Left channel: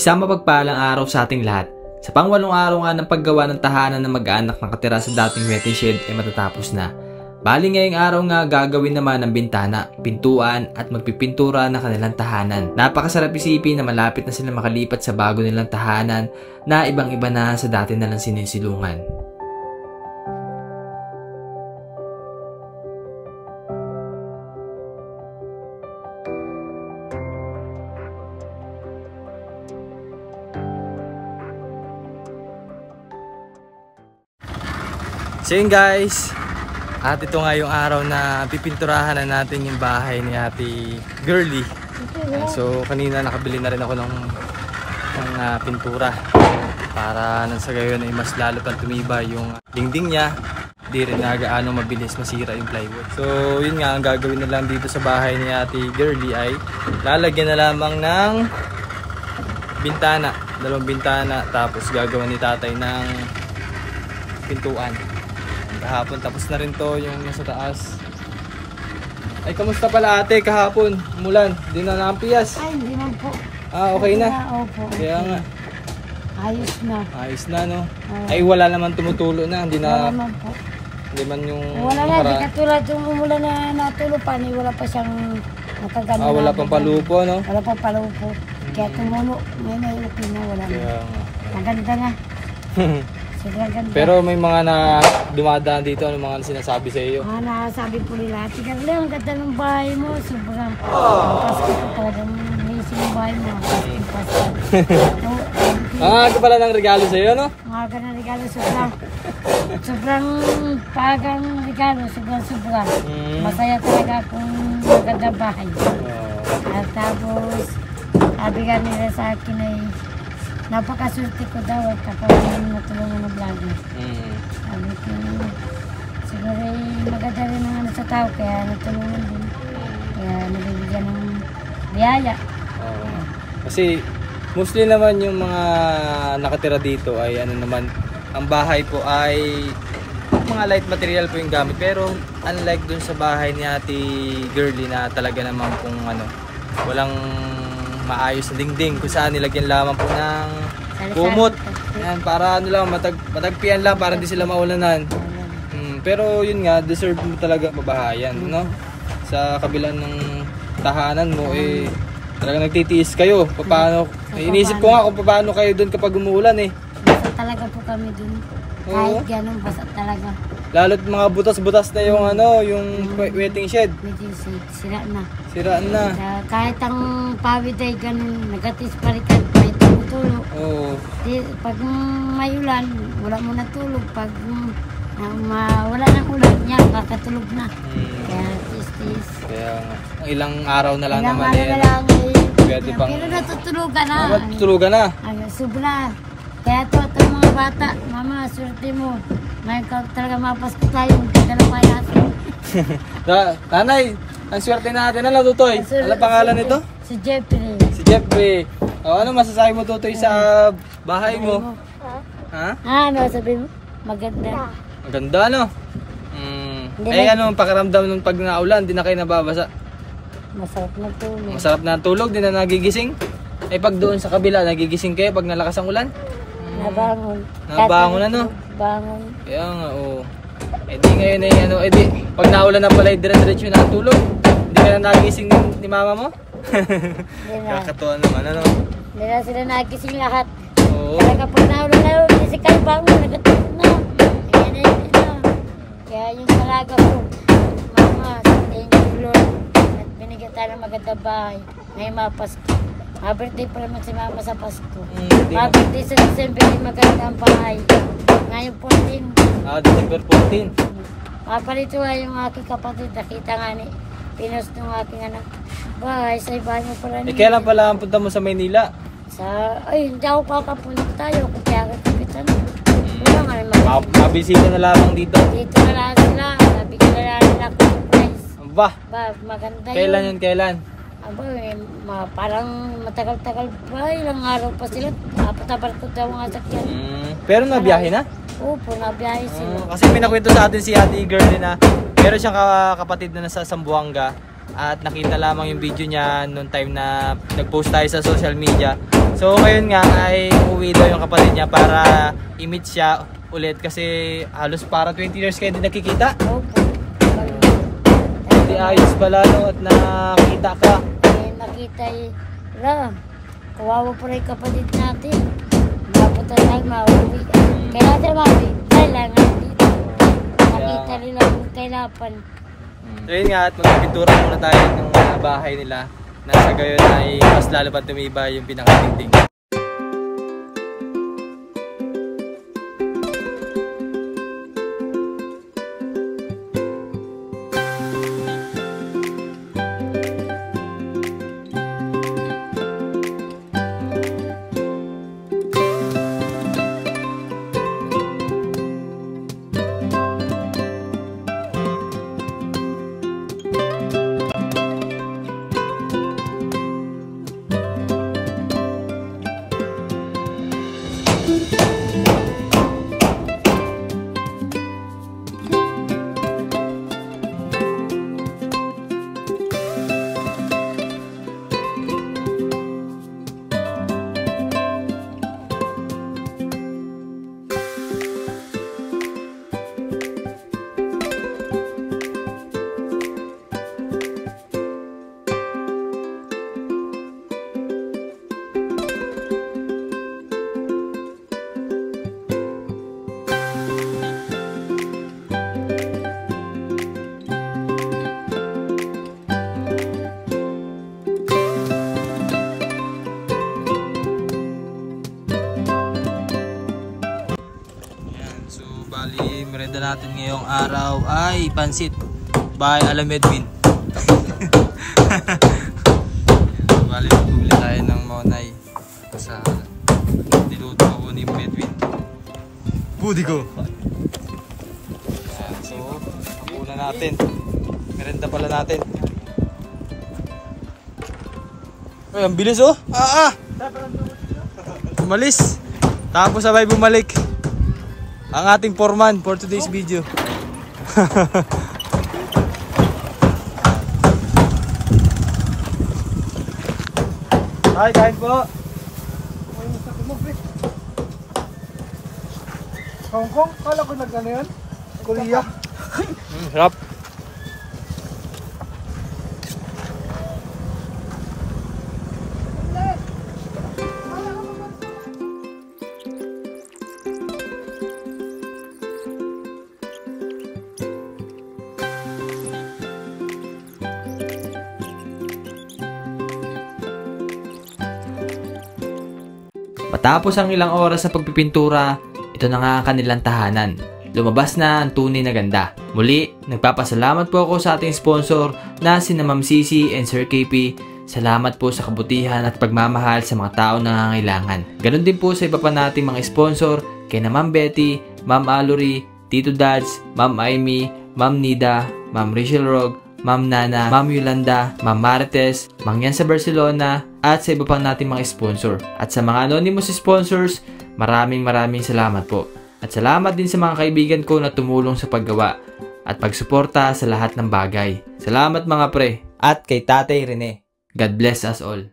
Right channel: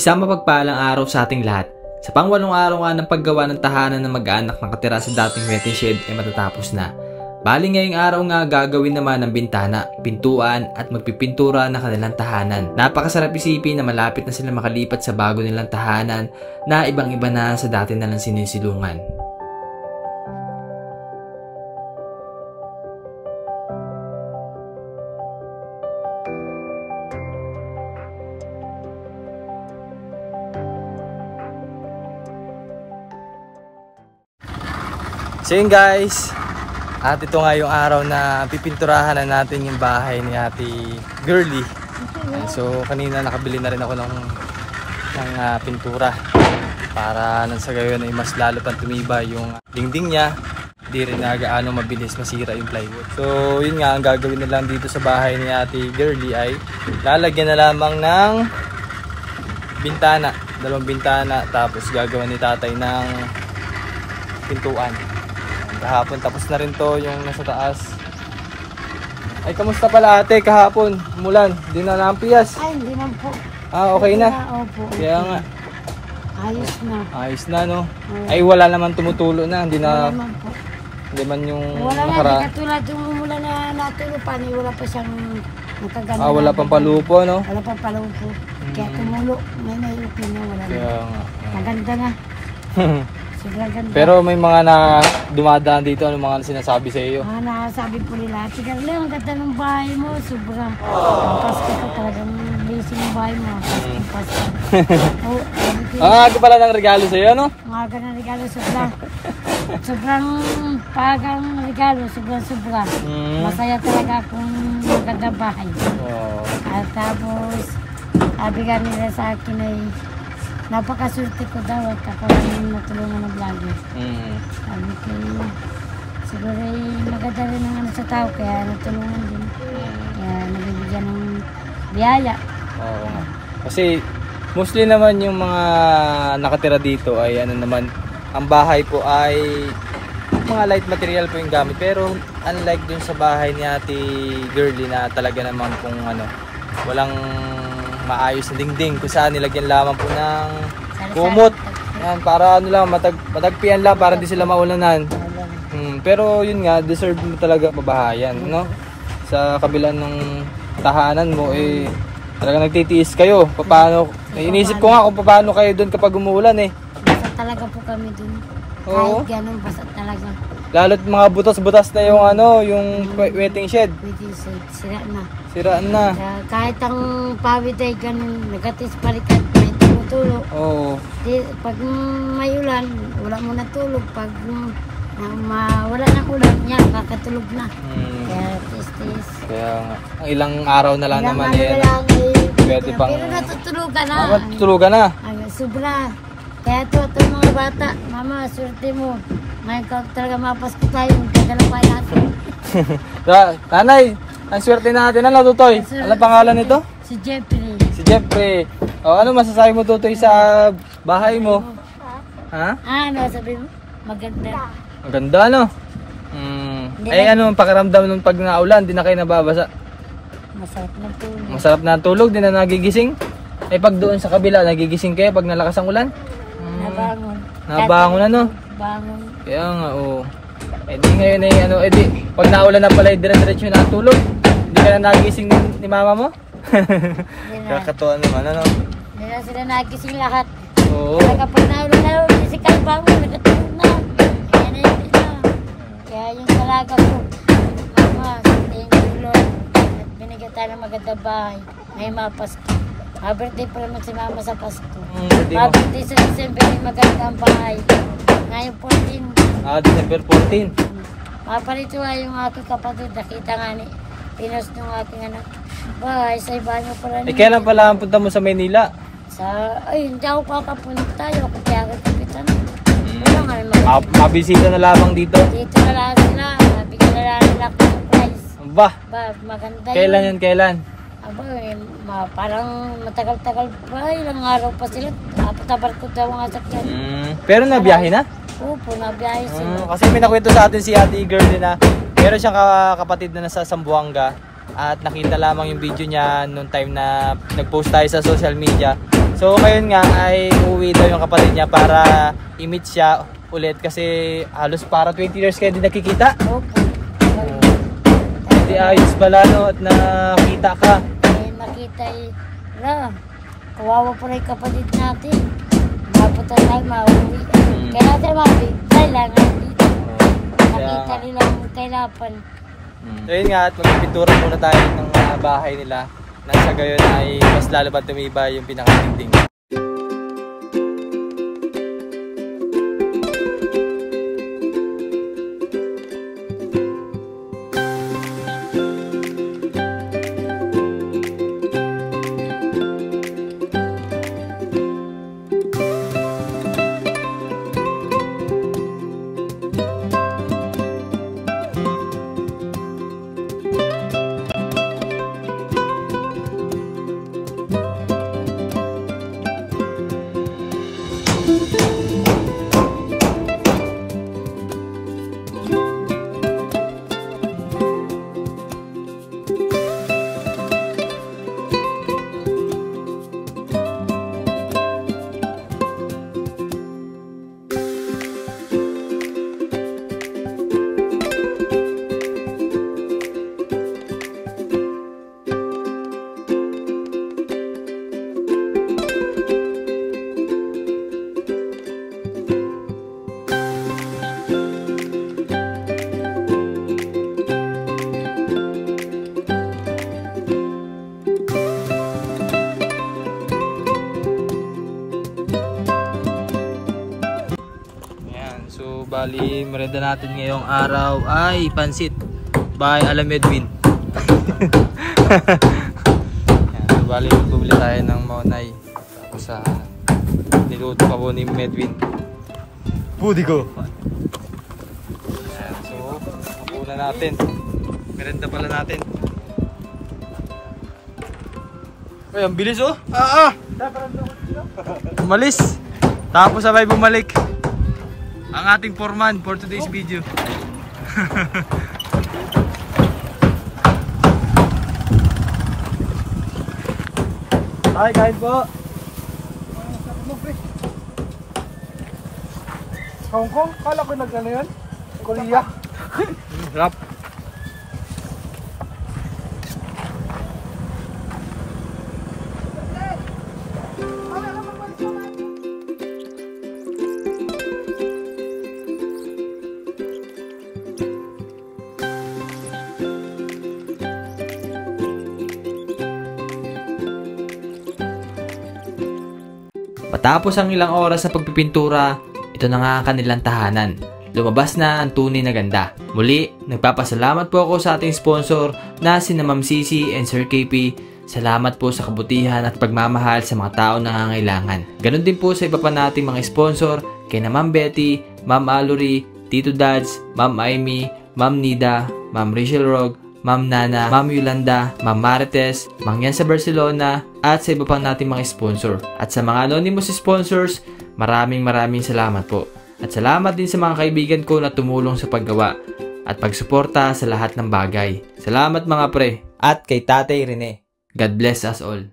Isang mapagpalang araw sa ating lahat. Sa pangwalong araw nga ng paggawa ng tahanan ng mag-aanak na katira sa dating waiting shed ay matatapos na. Bali ngayong araw nga gagawin naman ng bintana, pintuan at magpipintura na kanilang tahanan. Napakasarap isipin na malapit na sila makalipat sa bago nilang tahanan na ibang-iba na sa dati nalang sinisilungan. So yun guys, at ito nga yung araw na pipinturahan na natin yung bahay ni Ate Girly. So kanina nakabili na rin ako ng pintura para nang sa gayon ay mas lalo pang tumibay yung dingding niya. Di rin na gaano mabilis masira yung plywood. So yun nga, ang gagawin na lang dito sa bahay ni Ate Girly ay lalagyan na lamang ng bintana, dalawang bintana, tapos gagawin ni tatay ng pintuan. Kahapon tapos na rin to yung nasa taas. Ay, kamusta pala ate kahapon? Umulan, di na naampias? Ay, hindi man po. Ah, okay na? Opo. Kaya nga. Ayos na. Ayos na, no? Ay, wala naman tumutulo na. Hindi na. Wala naman po. Hindi man yung wala na, di katulad yung umulan na natulupan, wala pa siyang nakagano. Ah, wala pang palupo, no? Wala pang palupo. Kaya tumulo. May nailapin na, wala na. Maganda na. Sobrang ganda. Pero may mga na dumadaan dito, ano mga sinasabi sa iyo? Nasabi po nila, tignan lang, ang ganda ng bahay mo, sobrang Pasko po talagang blessing yung bahay mo, Pasko. Ang aga pala ng regalo sa iyo, no? Ang aga ng regalo, sobrang pagang regalo, sobrang. Masaya talaga kung maganda bahay. At tapos, sabi ka nila sa akin ay, napakaswerte ko daw at ako yung natulungan ng vlogger. Sabi ko, siguro maganda rin ang ano sa tao, kaya natulungan din. Kaya nabibigyan ng biyaya. Kasi mostly naman yung mga nakatira dito ay ano naman, ang bahay po ay mga light material po yung gamit. Pero unlike dun sa bahay ni Ate Girly na talaga naman kung ano, walang maayos na dingding kung saan nilagyan lamang po ng kumot. Yan, para ano lang, matagpian lang para hindi sila maulanan. Pero yun nga, deserve mo talaga mabahayan, no? Sa kabila ng tahanan mo, eh, talaga nagtitiis kayo. Paano, inisip ko nga kung paano kayo doon kapag umuulan eh. Basta talaga po kami doon. Kahit ganun, basta talaga. Lalo't mga butas-butas na yung ano, yung waiting shed. Waiting shed, sira na. Sira na. Kahit ang pawid ay ganun, negatis balikat, may tumutulo. Oo. Pag may ulan, wala mo na tulog. Pag wala ng ulan, yan, kakatulog na. Kaya tis-tis. Kaya ilang araw na lang ilang naman araw na lang pwede pang... Pero natutulugan na. Natutulugan na? Sobra. Kaya ito mga bata, mama, swerte mo. Ngayon ka talaga mapasko tayo, kadalapay natin. Nanay, ang swerte natin. Ano, Tutoy? Ano pangalan nito? Si Jeffrey. Si Jeffrey. O, ano masasabi mo, Tutoy, sa bahay mo? Ha? Nasabi mo? Maganda. Maganda, ano? Ay, ano ang pakiramdam nung pag naulan? Di na kayo nababasa? Masarap na tulog. Masarap na tulog? Di na nagigising? Eh, pag doon sa kabila, nagigising kayo pag nalakas ang ulan? Nabangon. Nabangon, ano? Bangon. Kaya nga, oo. Eh di ngayon ay ano, eh di, pag naulan na pala, dire-diretso na tulog. Hindi ka na nagising ni mama mo? Kakatuwa naman, ano? Hindi na sila nagising lahat. Oo. Kaya kapag naulan na yun, kasi kayo bangon, nagatulog na. Kaya na yun na. Kaya yung talaga ko, mama, thank you Lord. At binigyan tayo ng maganda bahay. Ngayon mapasko. Birthday pa naman si mama sa Pasko. Birthday sa December, maganda ang bahay. Ngayon 14. December 14. Papalito nga yung aking kapatid. Nakita nga ni pinost ng aking anak. Bahay, sa iba mo pala Eh, kailan pala ang punta mo sa Maynila? Ay, hindi ako kakapunta tayo. Kaya kapitan. Wala nga naman. Mabisita na lamang dito? Dito na lang sila. Nabigyan na lang nila ako ng prize. Ba? Maganda yun. Kailan yun, kailan? Aba, parang matagal-tagal pa, ilang araw pa sila. Tabar ko daw ang asakyan. Pero nabiyahe na? Opo, nabiyahe sila. Kasi may nakwento sa atin si Ate Girly na meron siyang kapatid na nasa Zamboanga at nakita lamang yung video niya noong time na nag-post tayo sa social media. So ngayon nga ay uuwi daw yung kapatid niya para i-meet siya ulit kasi halos para 20 years kayo din nakikita. Opo. Hindi ayos pala no, at nakita ka. Nakita kawawa pa rin kapatid natin. Mapunta tayo, mauwi. Kaya natin mauwi, kailangan dito. Nakita nila yung kailapan. So yun nga, at magpipintura muna tayo ng bahay nila. Nasa gayon ay mas lalo pa tumibay yung pinakadingding. Bali, merenda natin ngayong araw ay pansit by Alam Edwin. Bali, bumili tayo ng maunay sa niluto ako ni Edwin. Pudi ko. Ayan, so, una natin. Merenda pala natin. Ay, ang bilis oh. Umalis. Tapos sabay bumalik. Ang ating foreman for today's video. Ay, kain po. Hong Kong? Kala ko nag-ano yun? Korea? Sarap. Matapos ang ilang oras na pagpipintura, ito na nga ang kanilang tahanan. Lumabas na ang tunay na ganda. Muli, nagpapasalamat po ako sa ating sponsor na sina Ma'am Sisi and Sir KP. Salamat po sa kabutihan at pagmamahal sa mga tao na nangangailangan. Ganon din po sa iba pa nating mga sponsor, kay na Ma'am Betty, Ma'am Aluri, Tito Dads, Ma'am Amy, Ma'am Nida, Ma'am Rachel Rog, Ma'am Nana, Ma'am Yolanda, Ma'am Marites, Mangyan sa Barcelona, at sa iba pang nating mga sponsor. At sa mga anonymous sponsors, maraming salamat po. At salamat din sa mga kaibigan ko na tumulong sa paggawa at pagsuporta sa lahat ng bagay. Salamat mga pre. At kay Tatay Rene. God bless us all.